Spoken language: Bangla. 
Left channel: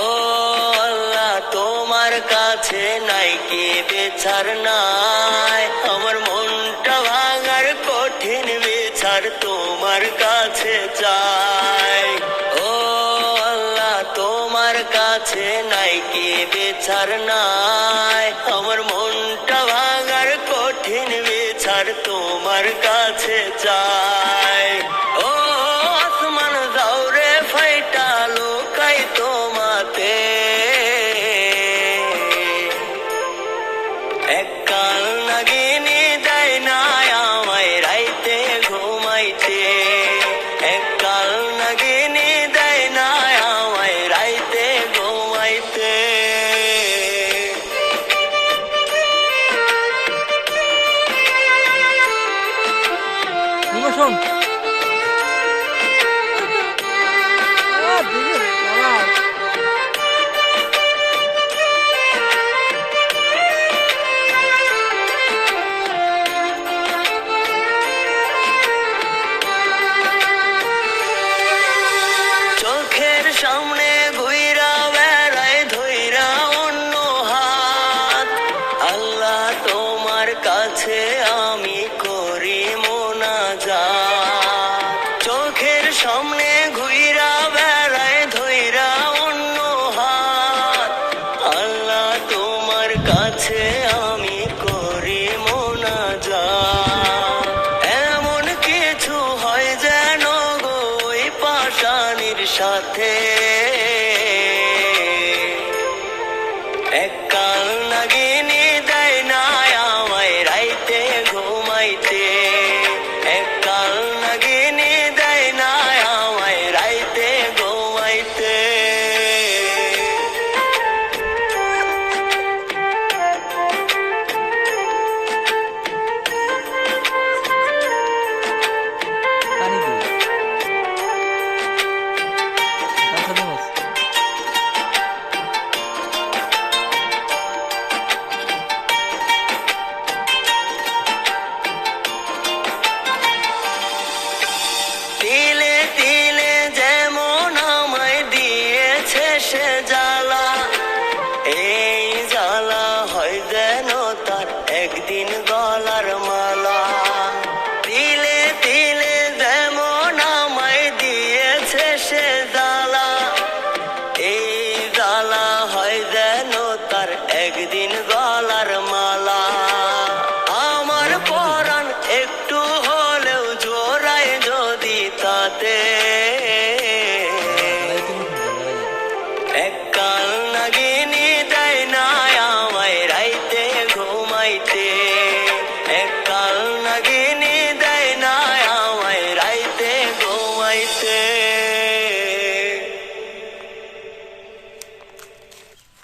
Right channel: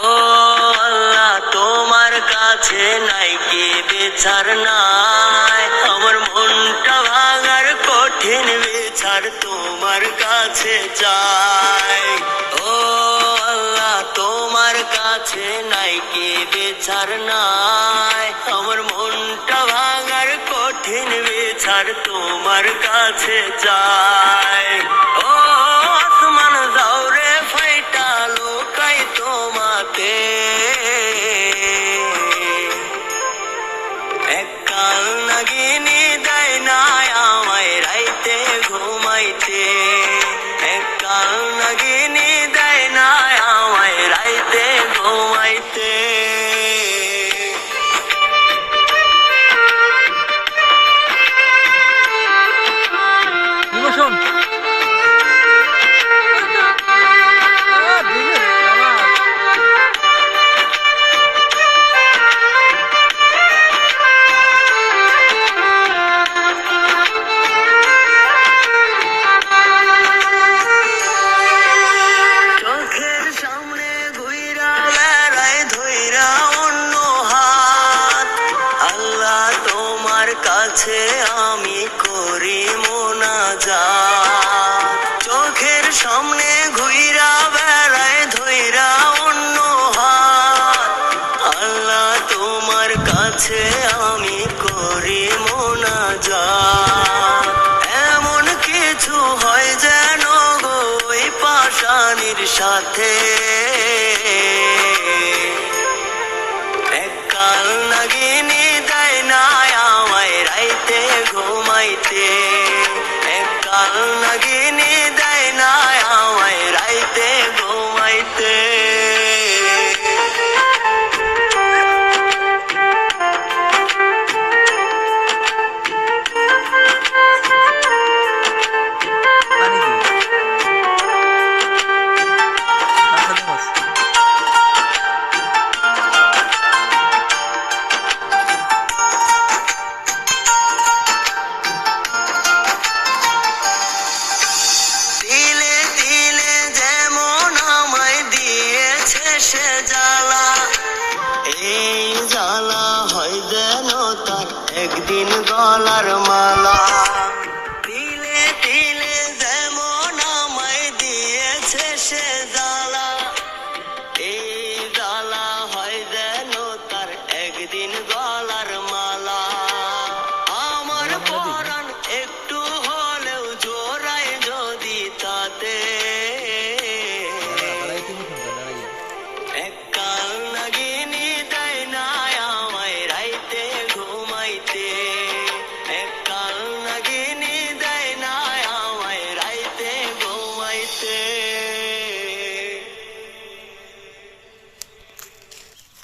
ও আল্লাহ তোমার কাছে নাই কি বিচার নাই, আমার মনটা ভাঙার কঠিন বিচার তোমার কাছে চাই। ও আল্লাহ তোমার কাছে নাই কি বিচার নাই, আমার মনটা ভাঙার কঠিন বিচার তোমার কাছে চাই। ও আসমান যাও রে ফাইটা লোকাই তোমাতে, এককাল নাগিনী দেয় না আমায় রাইতে ঘুমাইতে, এককাল নাগিনী দেয় না আমায় রাইতে ঘুমাইতে। ইমোশন চোখের সামনে ঘুইরা বেড়ায় ধইরা অন্য হাত, আল্লাহ তোমার কাছে আমি করি মোনাজাত। চোখের সামনে ঘুইরা বেড়ায় ধইরা অন্য হাত, আল্লাহ তোমার কাছে আমি করি মোনাজাত। এমন কিছু হয় যেন গো ওই পাশানির সাথে, এককাল নাগিনী দেয় না আমায় রাইতে ঘুমাইতে, এককাল নাগিনী দেয় না আমায় রাইতে ঘুমাইতে। পানি দিয়ে আচ্ছা দিমস তিলে তিলে যেমন আমায় দিয়েছে সে জ্বালা, এই জ্বালা হয় যেন তার একদিন গলার মালা। তিলে তিলে যেমন আমায় দিয়েছে সে জ্বালা, এই জ্বালা হয় যেন তার একদিন গলার মালা। আমার পরাণ একটু হলেও জোড়ায় যদি তাতে, এককাল নাগিনী দেয় না আমায় রাইতে ঘুমাইতে, এককাল নাগিনী দেয় না আমায় রাইতে ঘুমাইতে।